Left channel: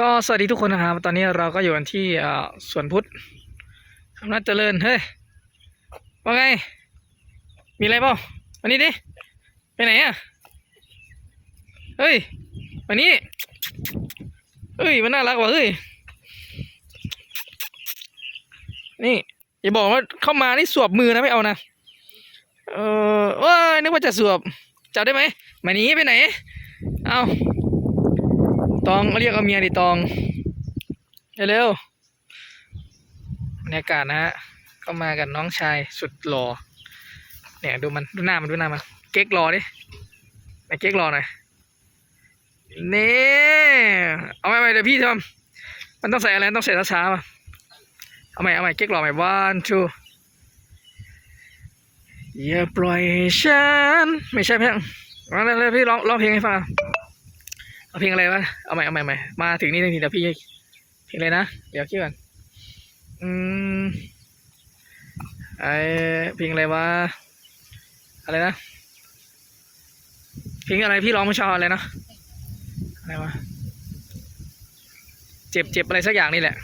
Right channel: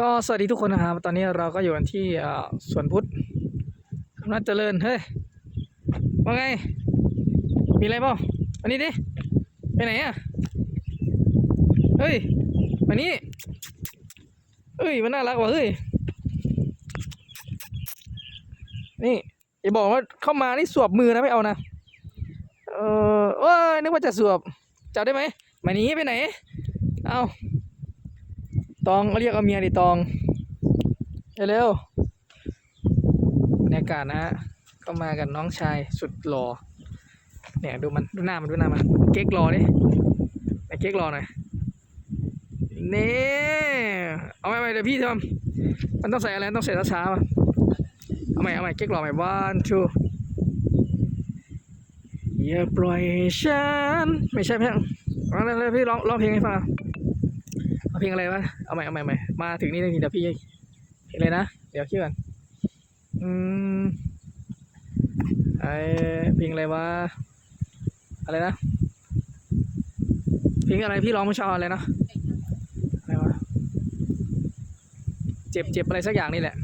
ก็สวัสดีทุกคนนะครับตอนนี้เราก็อยู่กันที่สวนพุทธอำนาจเจริญเฮ้ยว่าไง มีอะไรเปล่ามานี่ดิไปไหนอะเฮ้ยมานี่เฮ้ยมันน่ารักว่ะเฮ้ยนี่อย่าบอกว่าเข้ามานี่สวบมือนะไม่เอานะเออโอ้ยนึกว่าจะสวบจับได้ไหมมานี้ไปไหน เอา ตองเรียกเอาเมียดิตองเร็วๆบรรยากาศนะฮะก็มากับน้องชายสุดหล่อเนี่ยดูมันดูหน้ามันดูหน้ามันเก๊กรอดิไหนเก๊กรอหน่อยนี่เอาไปไปเดี๋ยวพี่ทำมันต้องใส่อะไรต้องใส่ช้าๆมาเอาใหม่เอาใหม่เก๊กรอใหม่ one two อย่าปล่อยฉันไม่ใช่เพลงเอาเลยพี่ร้องร้องเพลงให้ฟัง เอาเพลงอะไรวะ เอาใหม่เอาใหม่ใหม่มาถึงนี่ทีเดี๋ยวพี่เพลงอะไรนะ เดี๋ยวคิดก่อน อืมไอเพลงอะไรวะ อะไรนะ เพลงอะไรพี่ร้องเมื่อเช้าอะไรนะ อะไรวะ เจ็บเจ็บอะไรสักอย่างนี่แหละ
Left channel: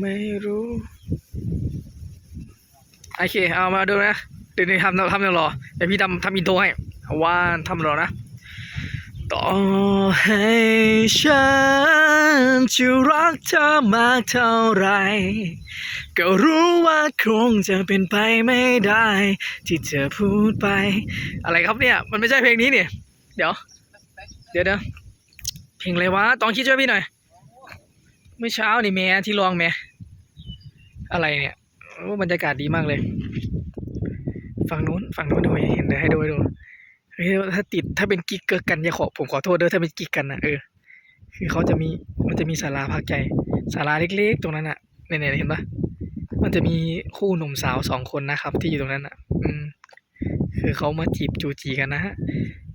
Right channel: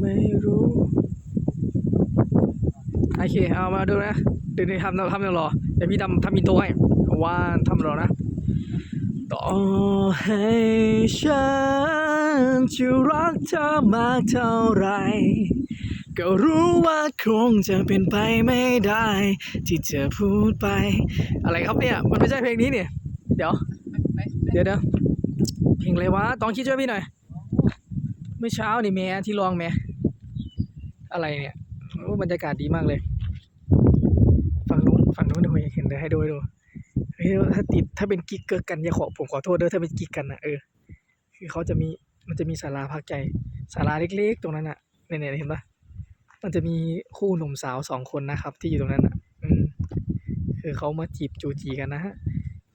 ไม่รู้ โอเค เอามาดูนะ เดี๋ยวนี้ทำทำเดี๋ยวรอเดี๋ยวพี่ทำทำอินโทรให้ว่านทำรอนะต่อให้ฉันจะรักเธอมากเท่าไร ก็รู้ว่าคงจะเป็นไปไม่ได้ ที่เธอพูดไป อะไรครับเนี่ย มันไม่ใช่เพลงนี้เนี่ย เดี๋ยว เดี๋ยวเดี๋ยวเพลงอะไรวะต้องคิดช่วยพี่หน่อย เมื่อเช้านี่แม่ที่ลองแม่อะไรเนี่ยโอ้บรรยากาศดีมากเลย ฝั่งนู้นฝั่งนู้นเดี๋ยวเห็นเดี๋ยวให้ดูให้ดูเฮ้ยถ้าติดถ้าเป็นกิ๊กเกิร์กันอย่าขอผมขอโทษเด้อถ้าเป็นกิ๊กกันนะเออคือเขาจะมีมันจะมีศาลาพักใจศาลาเล็กๆ ตรงนั้นอะเนี่ยๆเห็นปะมันจะมีคู่หนุ่มสาวสองคนนะครับ ที่อยู่ตรงนั้นอะ อืม คือเขามาจีบจูจีกันนะฮะ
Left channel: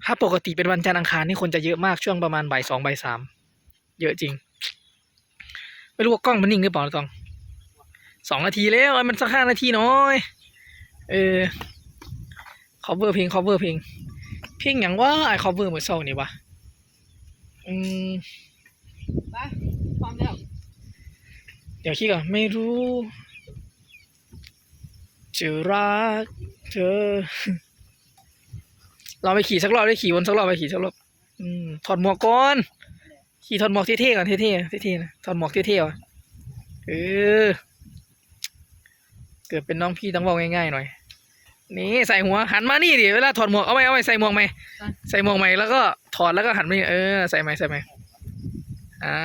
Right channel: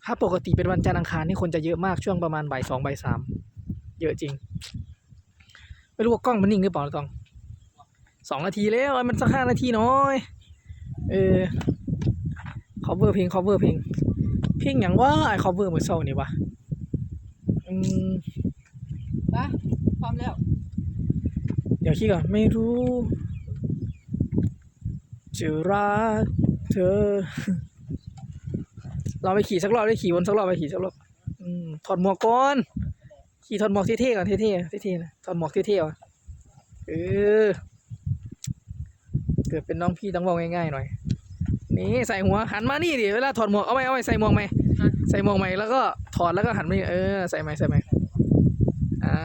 ถ้าปกติเป็นวันจันทร์อังคารนี่คนจะเยอะมากช่วงประมาณบ่ายสองบ่ายสามเยอะจริง ไม่รู้ว่ากล้องมันนิ่งหรือเปล่าตองสองนาทีแล้วมันสักห้านาทีน้อย เออ cover เพลง cover เพลงเพลงอย่างว่าไอ cover มือเศร้านี่วะอืมไปพร้อมแล้ว เดี๋ยวคิดก่อนไม่รู้จะรักเธอเราไปขี่สักรอบได้ขี่วนสักรอบไปขี่สักรอบอืมถอดหมวกก่อนขี่ถอดหมวกเท่ๆก่อนเท่ๆเท่ๆนะถอดหมวกเท่ๆว่ะเออ เกิดเป็นน้องพี่ต้องบอกง่ายๆหน่อย นี่ใส่หัวหันมานี่ดิเวลาถอดหมวกเอาไหมเอาไหมใส่หมวกไหมใส่หมวกไหมแล้วก็ถอดแล้วก็หันมาเออใส่ไหมใส่ไหมอ่า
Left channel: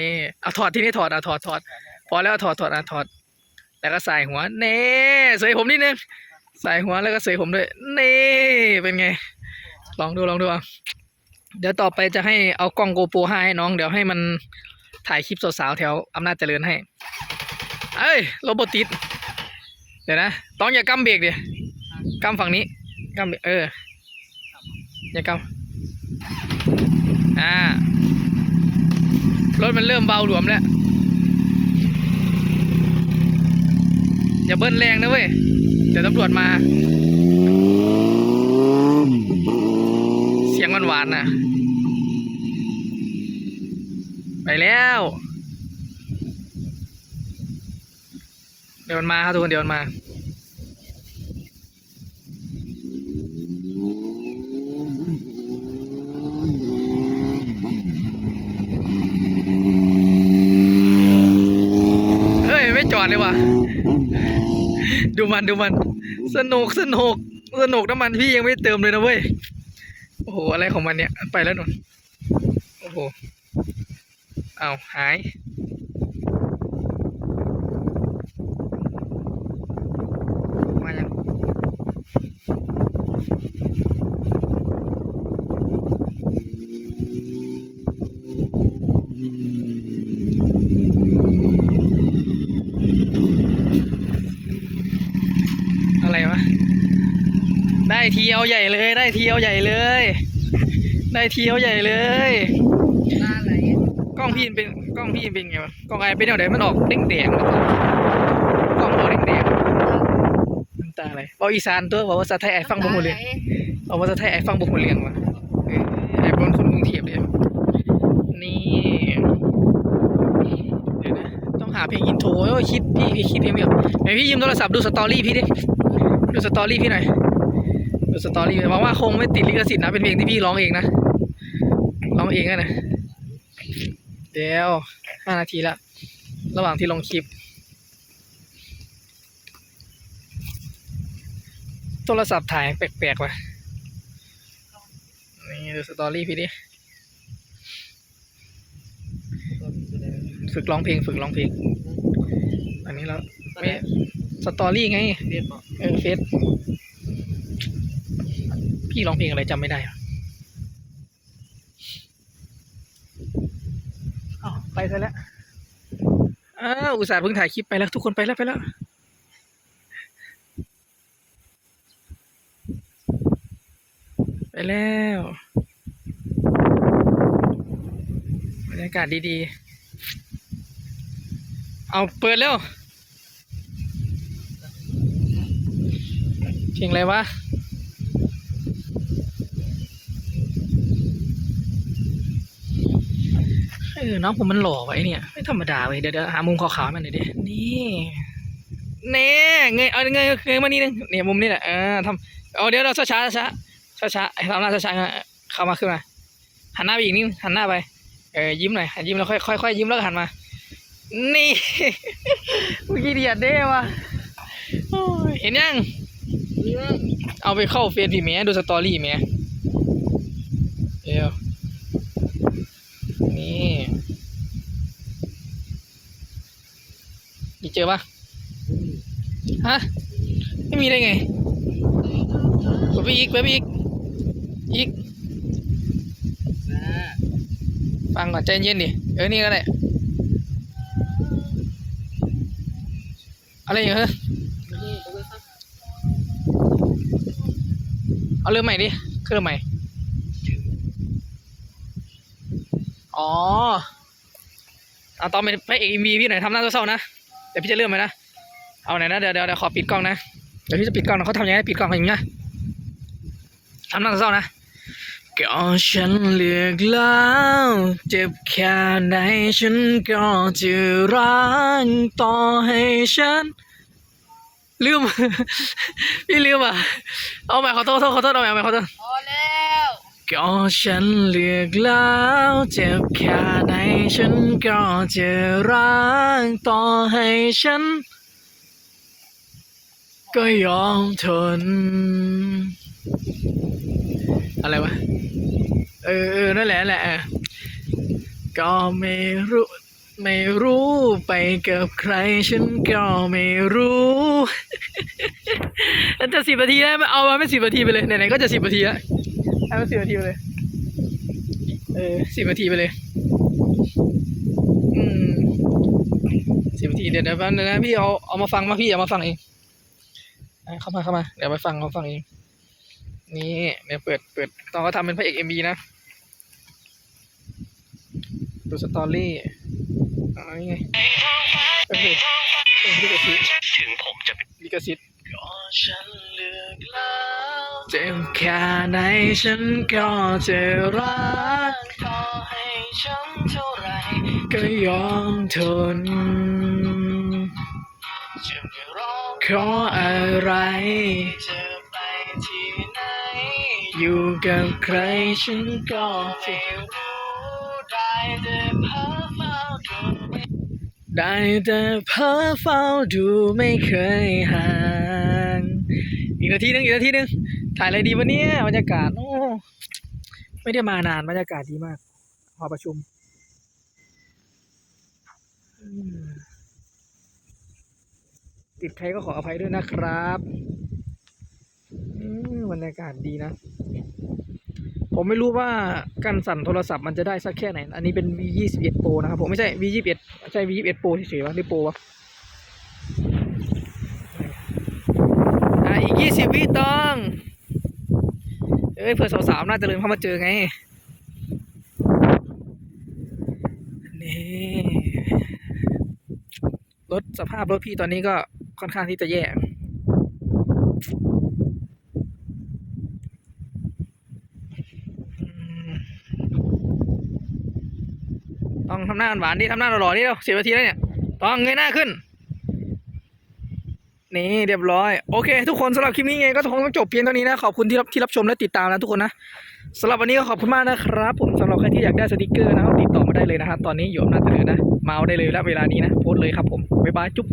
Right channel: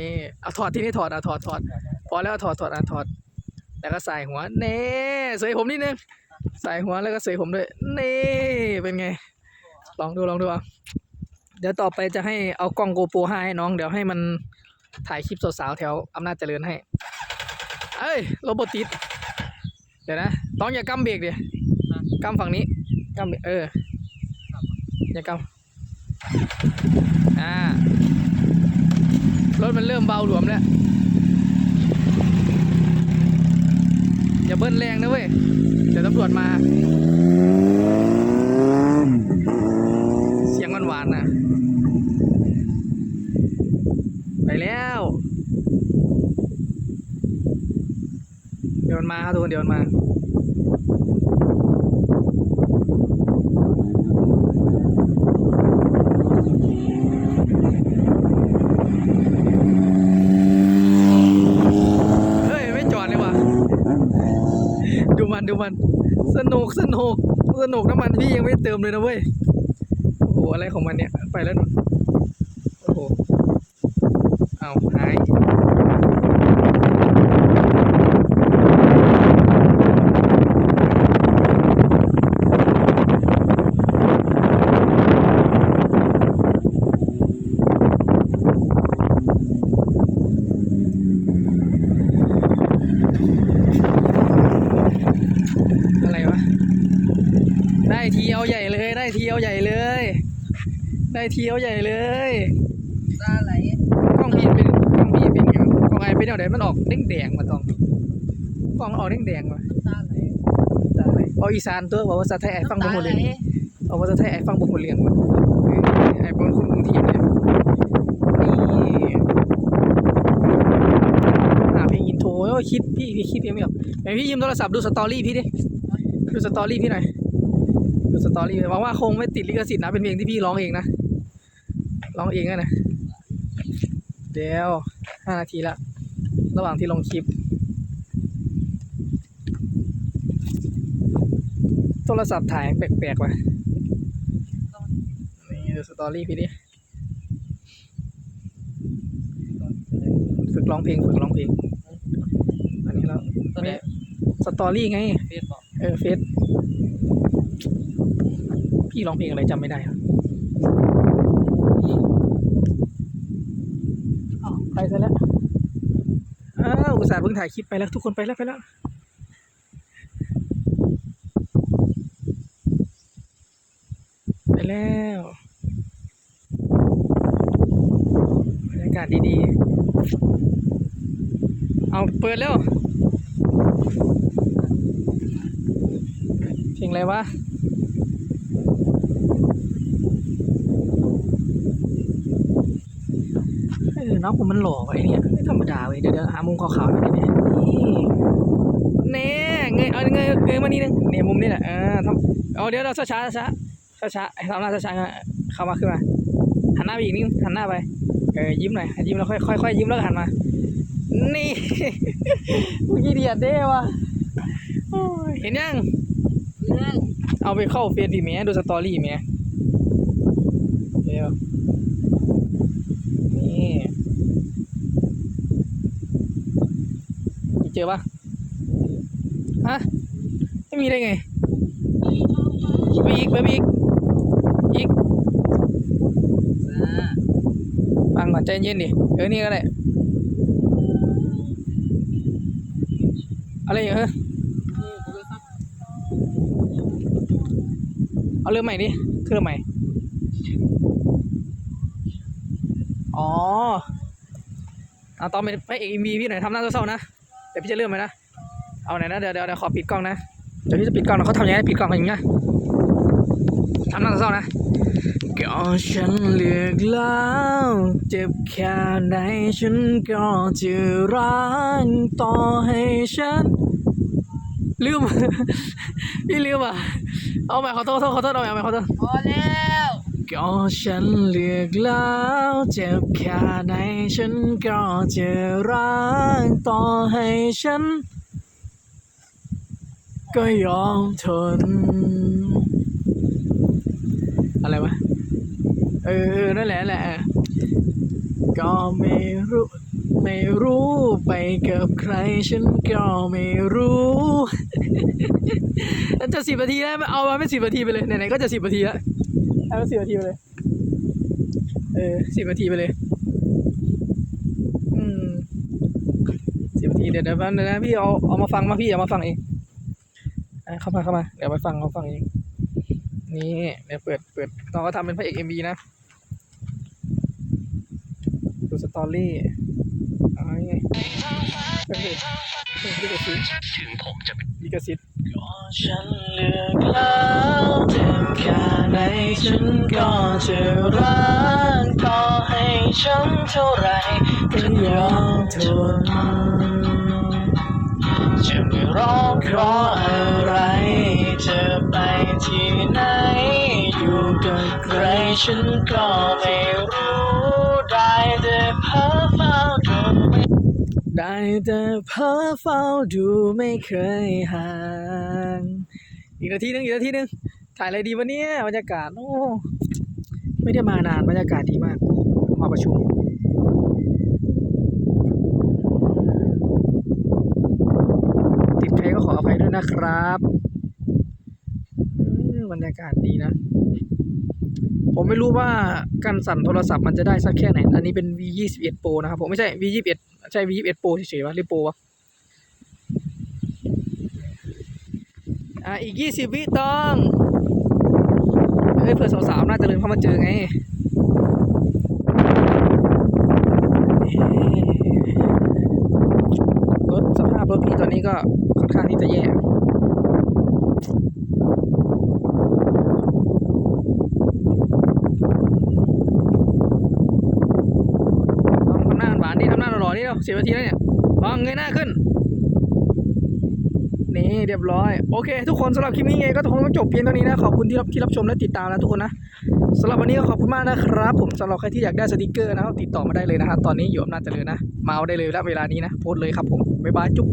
นี่เอาถอดที่นี่ถอดอะถอดถอดพอแล้วถอดถอดอะถอด แล้วก็ใส่หัวเน่เสยผมนิดนึงใส่หัวแล้วก็เสยผมด้วยเน่เป็นไง ลองดูลองดูอะเดี๋ยวต่อไปจะให้เอากล้องโกโปรห้าให้น้อง เดี๋ยวให้มันถ่ายคลิปสาวๆแถวอำนาจเจริญให้ เอ้ยโรบอติด ดี๋ยวนะต้องอย่ากำเบรกดิกำฝั่งนี้กำเบรกเอออย่ากำอ่ารถมันเริ่มเบาหลวมแล้วอย่าเบิ้ลแรงนะเว้ยเดี๋ยวตำรวจมา เสียงหวานๆนะไปแล้ว เดี๋ยวมันมาครับทุกคนเดี๋ยวมันมาเฮ้ยไม่จอดเลยว่ะดูมันดูมันสนุกสนุกสนุกน้ำมันพี่ยังไม่เติมเลยนะเว้ยโอ้โหอะไรของมันเนี่ยไปแล้วนุ่นโอ้โหเอาหาย อะไรวะ ได้ ทีเอาใหญ่เลย ได้ทีเอาใหญ่เลย ได้ทีเอาใหญ่เลยหน้าไหลกล้องพี่เป็นกล้องพี่เป็นไงวะกล้องไอเป็นแนวไหนมันออกเด้งแดงกล้องมันออกเด้งแดงน้ำตาอะไรเอาอีสานตัวบอกว่าภาษาไทยไอฟังบ่หมดเลยเอาว่าจะให้ไอ้ฟังบุกคนเลี้ยงวะเออไอ้บนคนกรุงเทพเนี่ยนี่ต้องหาเพลงอินโทรคิดพี่พี่คิดเพลงไม่ออกไหนพี่ยืมโทรศัพท์ดูสตอรี่พี่ดิดูสตอรี่พี่หน่อย ดูสตอรี่หวังว่าคงไม่ติดลิขสิทธิ์นะ เป็นเพลงที่พี่ร้องเองนะ ร้องเองอะนะเดี๋ยวห้านาทีละระหว่างที่ลงคลิป โทรศัพท์ถ่ายแปลกๆว่ะนี่ดูสตอรี่พี่ดิฝึกร้องเพลงฝึกร้องเพลง อันนี้เราไม่สตอรี่ไงเรียนบอกเออเฟซ พี่ร้องเพลงอะไรจำไม่ได้อะอ้าไปซะแล้วอ้าวอุตส่าห์เพิ่งถ่ายคลิปไปแล้ว ทุกคนไปแล้วไปแล้วไปแล้วบรรยากาศดีๆ เอาเปิดแล้วเพลงอะไรวะ ออน้องผมมันหล่อไว้เนี่ย ไม่ธรรมดาเว้ยเดี๋ยวเดี๋ยวหามุมขาวๆมาหน่อยดินี่เน่เงยเอาเงยเงยมานี่นึงเนี่ยมุมนี้แหละเออทำเอาเดี๋ยวเราช้าช้าช้าๆให้ทำหน้าช้าๆเข้ามาขึ้นมาหันหน้าไปอีกนิดหันหน้าไปเออยิ้มหน่อยยิ้มแล้วค่อยค่อยค่อยยิ้มแล้วหันมา นี่เมื่อกี้เดียดเด้วะเห็นยังเอาไปเข้าเฟซพี่แม่ดูสตอรี่แม่เดี๋ยวนี่อีก เจอปะฮะ ไม่มีได้ไงไปอีกไปอีก อีก ฟังก่อนใจเย็นดิ เออ นี่ก็ได้ อะไรอย่างเงี้ยเอาเริ่มใหม่ดิคือเริ่มใหม่ อ๋อเอาตอนเป็นพระเอกเอ็มวีพี่หน่อยทำหน้าเศร้าๆนะ เดี๋ยวพี่จะเริ่มไหมนะ เอาไหนนะเดี๋ยวเดี๋ยวขอปิดกล้องนะ เดี๋ยวพี่จะปิดกล้องนะเขาทำยังไงปิดกล้องอย่างเงี้ยทำหน้าเศร้านะก็ฉันเลือกแล้วเจ็บแค่ไหนฉันก็จะรักต่อให้ฉันลืม พี่ลืมอะ เอาใหม่ขอโทษขอโทษขอโทษเอาใหม่เอาใหม่ขอโทษพอแล้ว ก็ฉันเลือกแล้วเจ็บแค่ไหนฉันก็จะรักต่อให้ฉัน ก็ยอมทน อะไรวะ เออ นั่นแหละแหละ ก็ไม่รู้ ไม่รู้ไปกับใคร ฉันก็ไม่รู้จะสิบนาทีได้ไหมเอามาไม่สิบนาทีไปเลยไหนๆก็จะสิบนาทีแล้ว เอามาสิบนาทีไปเลย เออสิบนาทีไปเลย อืมสิบนาทีเดี๋ยวเดี๋ยวแป๊บนึงนะพี่เอาเอามาฟังมาพี่เอามาฟังเองเข้ามาเข้ามาเดี๋ยวไปฟังเขาฟังเองนี่เดี๋ยวเปิดเปิดตอนเขาทำเป็นพระเอกเอ็มบีนะดูสตอรี่อ๋อนี่ไงโอเคเพลงลิขสิทธิ์ถึงผมจะเป็นลิขสิบ ฉันเลือกแล้วเจ็บแค่ไหนฉันก็จะรักต่อให้ฉันเท่าไรก็ยอมทน จะไม่ร้องขออะไรจะไปที่ไหน อยู่กับใครฉันก็ไม่รู้ได้แต่เพ้อเฝ้าดูได้แต่เพ้อเฝ้าดูไม่เคยห่าง อีกนาทีหนึงอีกนาทีหนึงถ่ายอะไรดีวะเนี่ยบรรยากาศโอ้ไม่ได้มานานบรรยากาศดีมากมาประชุมติดใครก็ขออภัยด้วยนะครับบรรยากาศดีนะ ผมไม่รู้ว่าการสั่นโทรศัพท์มันจะได้สักแค่ไหน อันนี้เป็น V 2 1 Pro นะครับผมไม่ใช่ V 2 1 ใช่ V 2 1 Pro เฉยๆวะหรือ Pro วะ อีกยี่สิบวิต้องเฮ้ยเพื่อสาวๆน่าจะลืมเข้ามาเจอไงรถสภาพรถพี่ตอนนี้ก็ค่อนข้างที่จะแย่ต้องทำหน้าหวานดิทำหน้าหล่อๆนี่เราสิบนาทีแล้วเนี่ยต้องเงยหน้าขึ้น นี่เรียบร้อยโอเค ทุกคนสำหรับคลิปนี้ไงก็คงต้องจบเพียงเท่านี้นะขอบคุณที่รับที่รับชมและติดตามนะทุกคนนะสำหรับวันนี้ก็ขอบคุณมากนะครับ ผมสำหรับใครที่อยากได้สติกเกอร์นะครับติดต่อมาได้เลยนะครับตอนนี้อยู่อำนาจเจริญนะมาเอาได้เลยแล้วเวลานี้นะโพสเลยครับผมบ๊ายบายจุ๊บ